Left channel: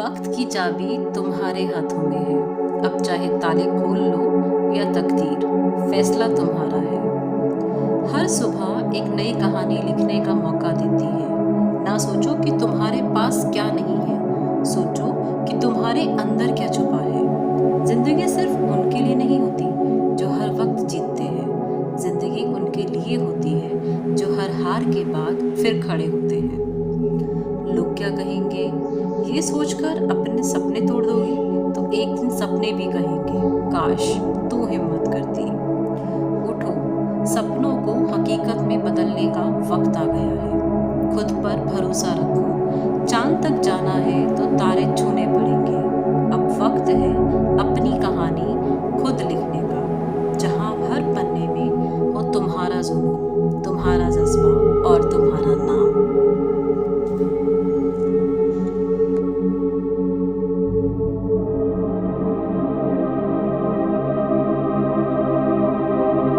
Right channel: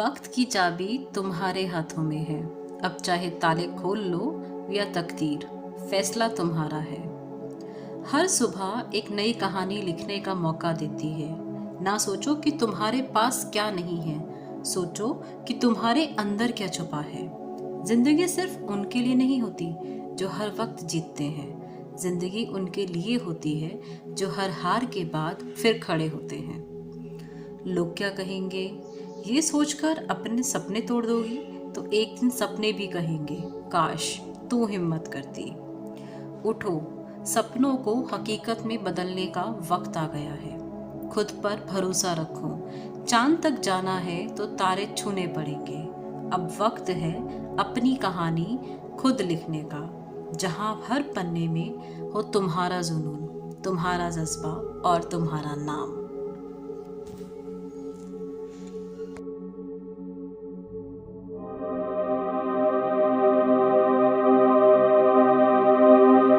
वक्त की चाबी तुम्हारे हाथों में है। अब चाहे ताले खोल लो या तकदीर, फैसला तुम्हारा है। हर सुबह एक नई कहानी लिखने का मौका देती है। ना सोचो कि तुम्हारे पास क्या नहीं है, सोचो कि तुम्हारे अंदर क्या छुपा है। जिंदगी सिर्फ उनके लिए नहीं होती जो हर वक्त जीतते हैं, जिंदगी उनके लिए होती है जो हर हार के बाद फिर खड़े होते हैं। लोग क्या कहेंगे, ये सोचकर अपने सपने तोड़ दोगी तो एक दिन सपने भी कहेंगे काश तू हिम्मत करती। उठो, सपनों को हकीकत में बदलने का वक्त आ गया है। खुद पर भरोसा रखो, चांद तक जाना है तो तारे छूने पड़ेंगे। अब वक्त है अपनी कहानी खुद लिखने का, जहां हर पन्ने में हो तुम्हारा जुनून, तुम्हारा जज्बा और तुम्हारा नाम।